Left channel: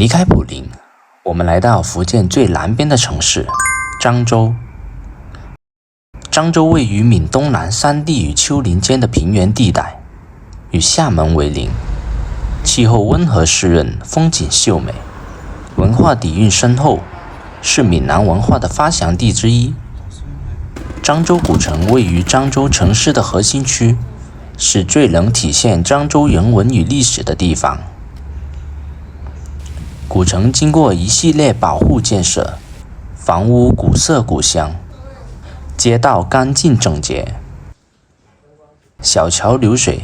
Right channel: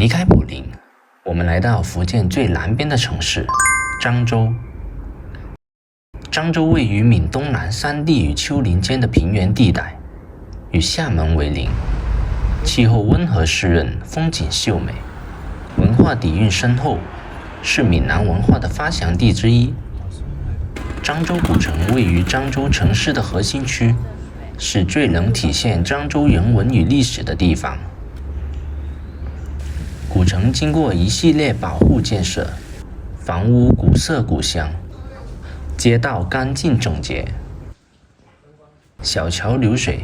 离开普宁，我们来到福建最南边的城市漳州。漳州位于闽东南山地与丘陵间的平原地带，与厦门为邻，气候温和湿润，风景秀美，文化底蕴深厚，是闽南文化的发祥地之一。漳州古城位于漳州城市的核心区，是最能体现漳州人文与历史的地方。古城经过一系列保护建设，房屋古色古香，街道干净整洁，小桥流水，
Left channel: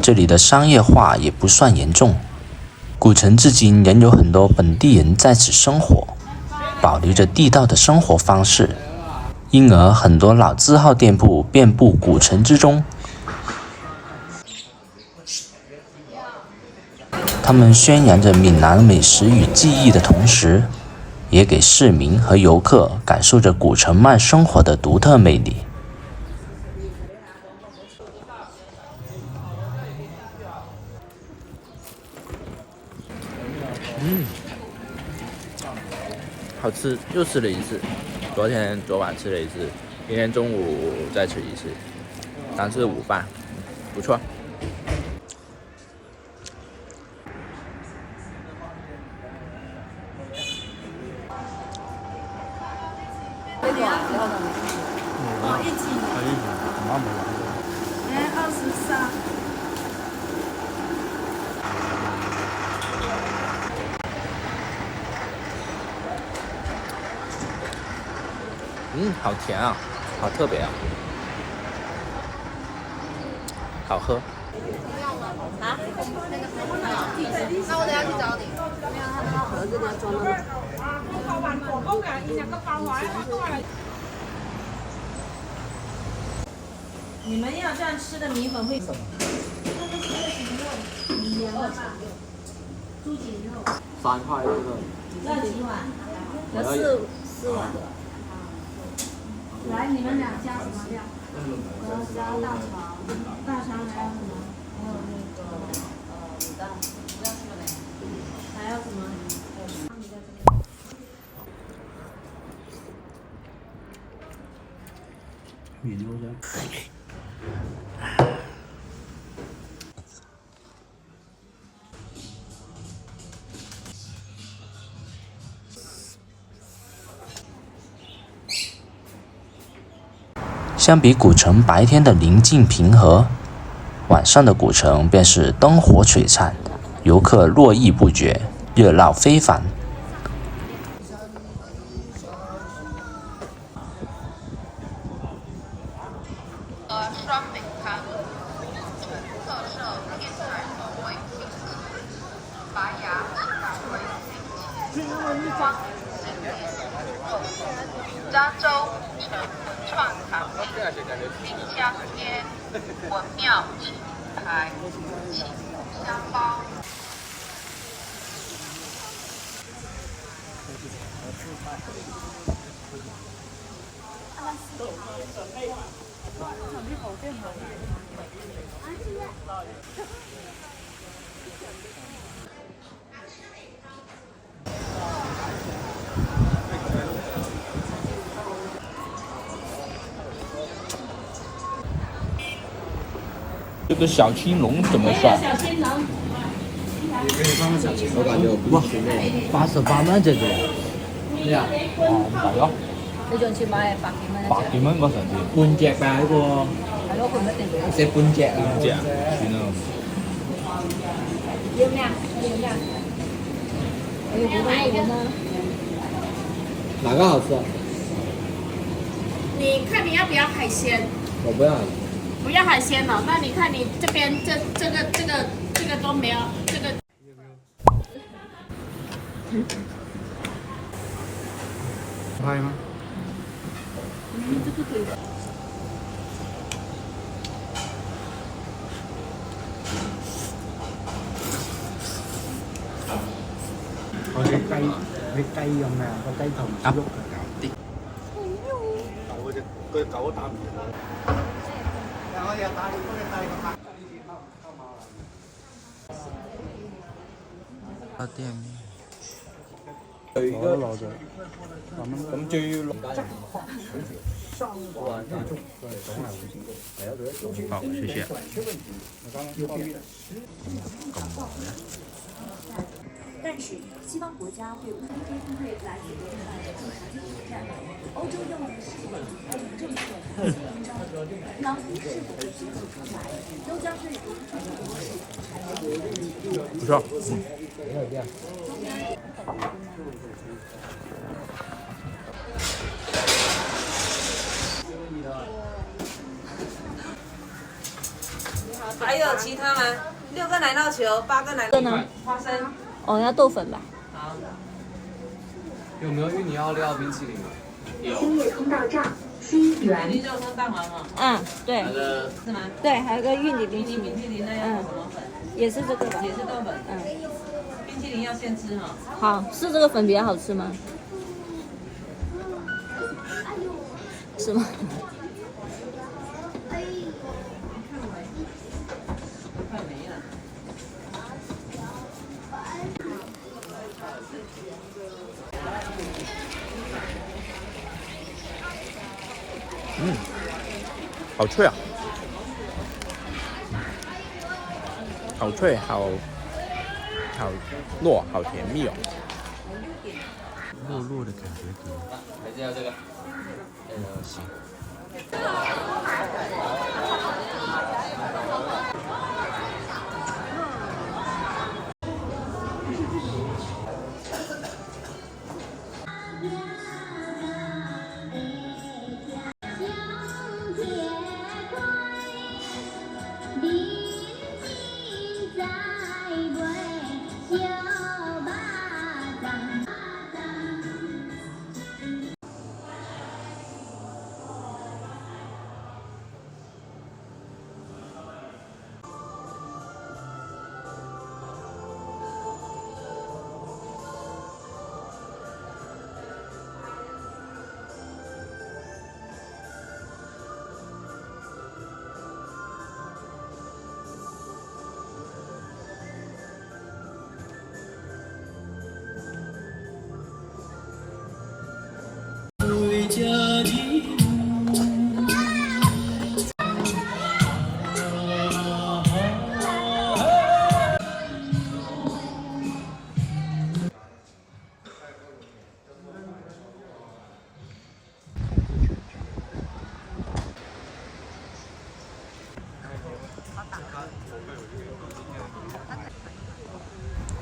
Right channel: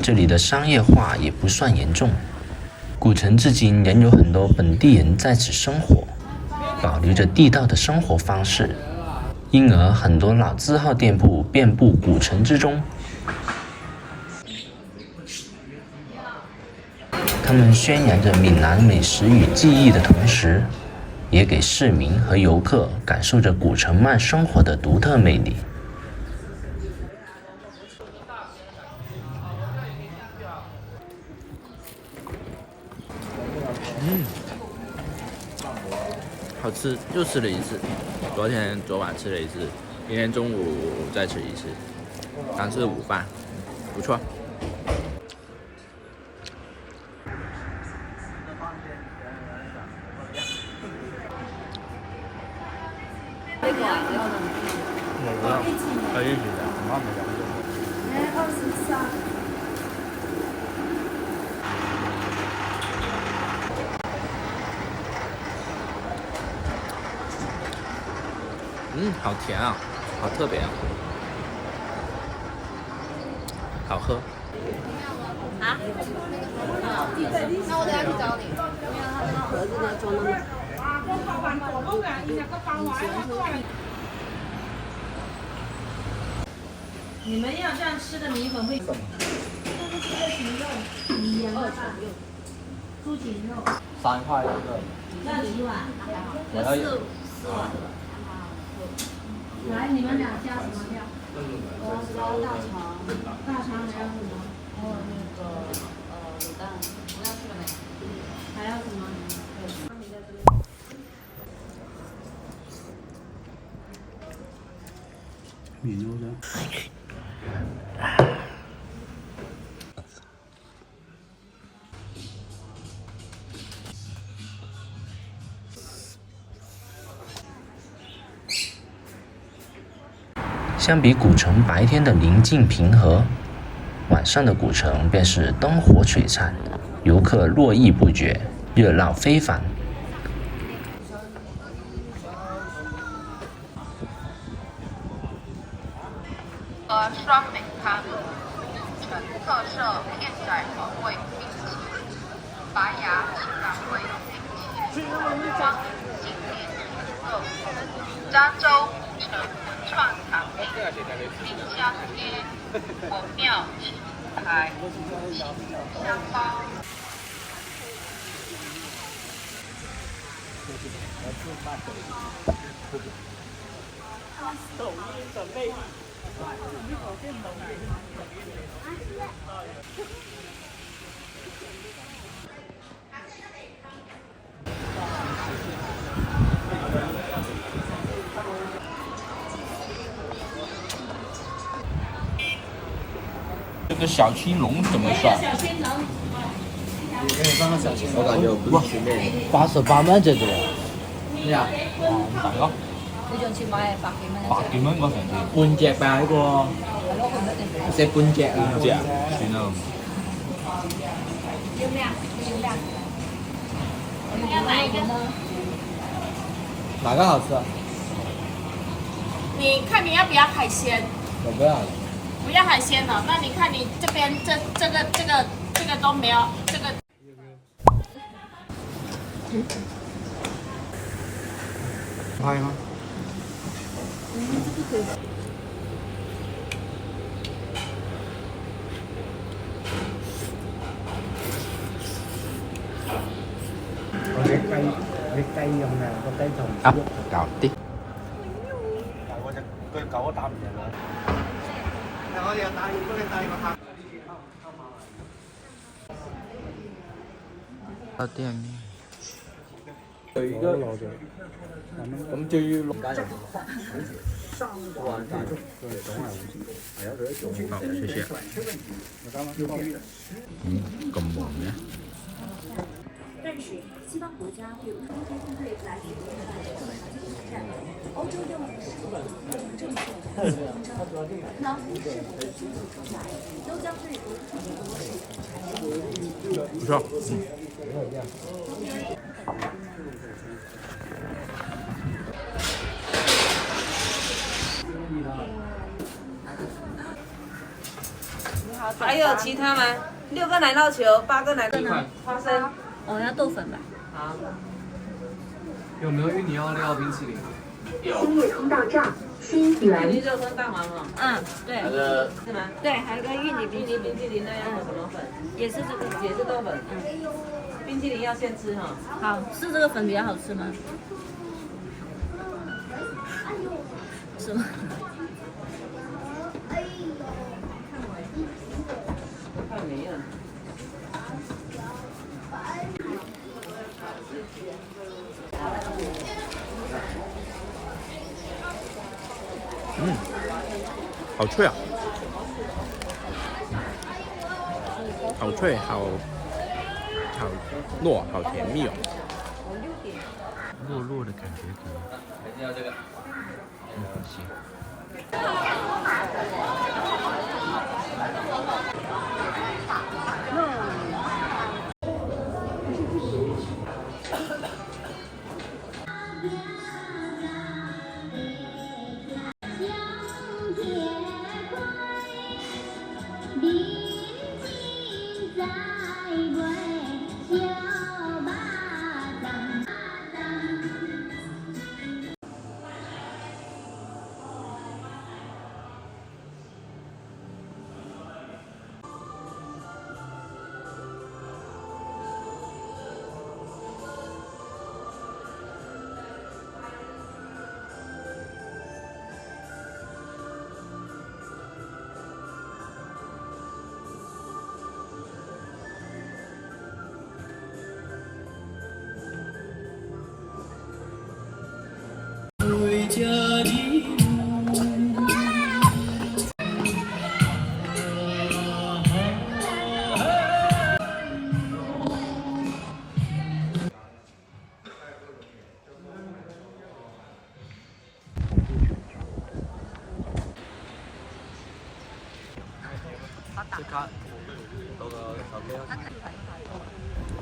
这里的商业化也不算严重。古城至今仍有很多本地人在此生活，保留着地道的生活方式，因而很多老字号店铺遍布古城之中。他们宣扬着闽南美食与技艺的同时，也给市民和游客感受着古城慢生活的独特魅力。好吃，又吃了一次。昨晚吃了一次，今天中午再吃一次，当是午饭，不错。好甜啊，好特别啊，好喝。啊？那我等下去找你。没有，他们那盒子里要装那么。你们要这样吃的米粉会什么？米肉、猪颈肉。3块一个。要几碗？有四碗。来，你们俩加什么料？我要加大肠，大肠还要什么？还有那个卤蛋，不要去了没？还要什么？米肉的。相比古城白天的宁静平和，晚上的古城便是灯火璀璨，游客络绎不绝，热闹非凡。双美咖，纯特色片仔口味，白牙港味装经典，漳州古城文创产品，滨江街文庙青牌青香包。这个小青龙怎么算？小青龙。我感觉我不是那88蚊隻啫。咩啊？係咯。你上次買係100幾蚊嗰陣時。半隻吧呢個。食半隻啊。半隻啊？算啦。要咩啊？要呀。要哪一個呢？哪個好吃啊？你看你要不要海鲜？我不要。不要海鲜了，那你看你这边这个都没有，这个。拍嗎？我啲雞咁嘅個雞同啊，肉，有啲。佢狗打唔贏啦。我又帶幫你帶個客。到店面。有一个，咁就要落。好，谢谢。咁忙嘅。但是西方国家对乌克兰军队来自日本的正常挑战，欧洲用的是美政策和勋章，老夫是否会迅速出来，都将对俄乌冲突不错，还有其他吗？6个奶酪球，8个奶酪呢？花生。哦，要豆粉吧？好。有没有芋泥奥利奥冰淇淋？新月通道站新芋源泥肉松蛋黄嘛。嗯，对，是吗？对，还有个玉米冰淇淋，冰淇淋那要什么粉？也是这个吧？也是豆粉。冰淇淋要现吃哈。好，是这个粉比较好吃吗？是吗？快没了。好脆啊！好脆，好糯，好甜蜜哦。糯糯的感觉可以。行。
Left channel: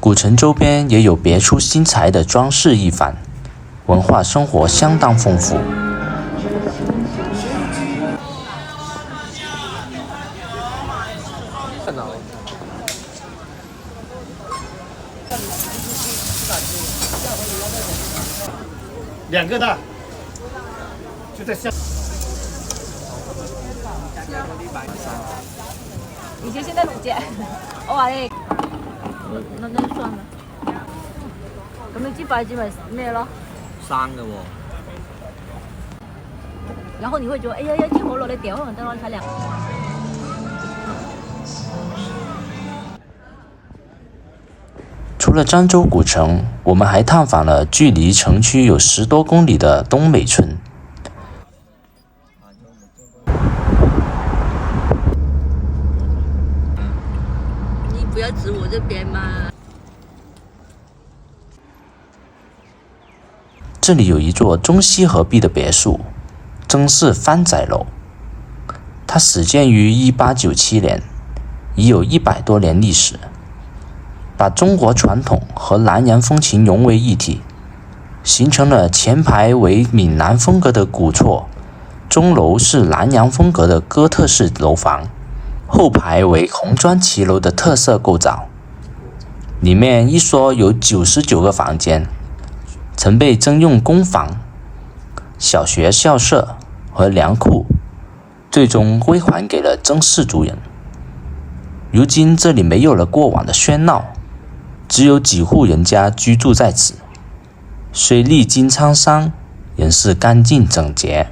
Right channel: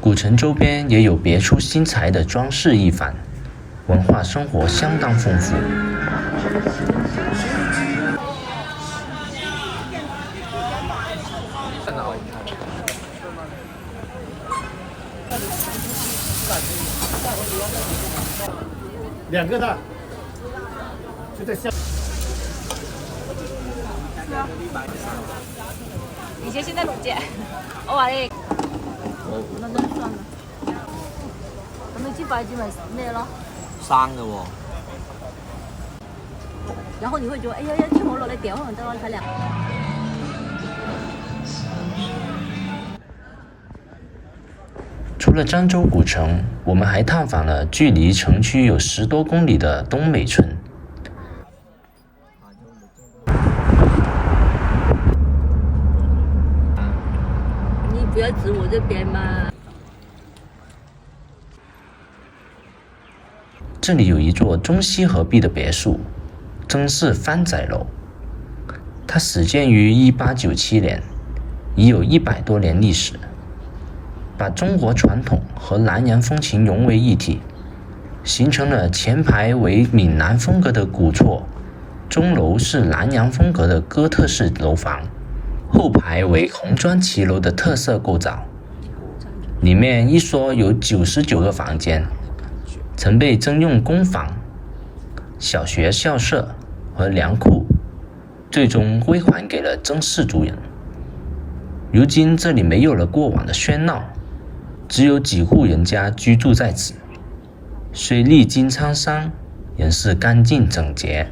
古城周边也有别出心裁的装饰艺坊，文化生活相当丰富。2个的，就在下。以前现在只见，哇嘞，那都算。咁你支筷子咪咩咯？生嘅喎。然后你会觉得，哎呀呀，听我落来点我等我他俩。除了漳州古城，我们还探访了距离城区有10多公里的东美村。你不要指我这边嘛。这里有一座中西合璧的别墅，曾氏番仔楼。它始建于1897年，已有100多年历史。把中国传统和南洋风情融为一体，形成了前排为闽南风格的古厝，钟楼是南洋风格的哥特式楼房，后排为红砖骑楼的特色构造。里面一说有99个房间，曾被征用公房、小学校舍和粮库，最终归还给了曾氏族人。如今这里没有了过往的喧闹，只有几户人家居住在此，虽历经沧桑，仍是干净整洁。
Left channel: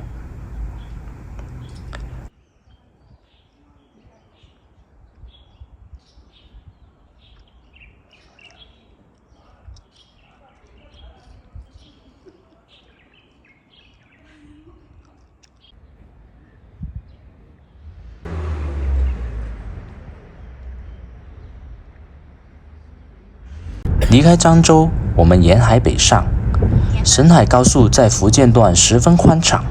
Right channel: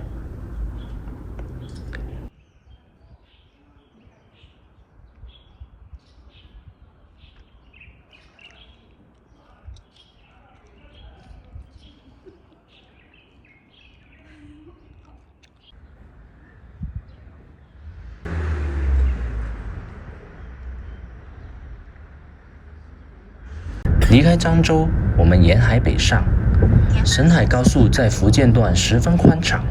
离开漳州，我们沿海北上。沈海高速在福建段十分宽敞，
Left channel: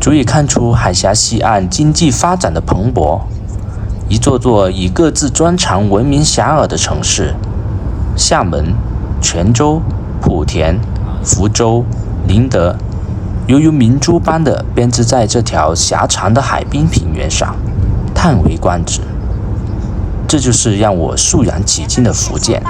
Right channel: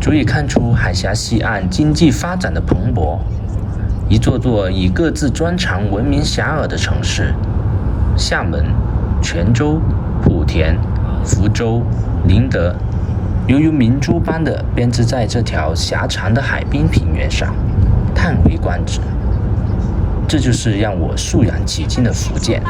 足以看出海峡西岸经济发展的蓬勃。一座座以各自专长闻名遐迩的城市，厦门、泉州、莆田、福州、宁德，犹如明珠般的编织在这条狭长的海滨平原上，叹为观止。这就是让我肃然起敬的福建。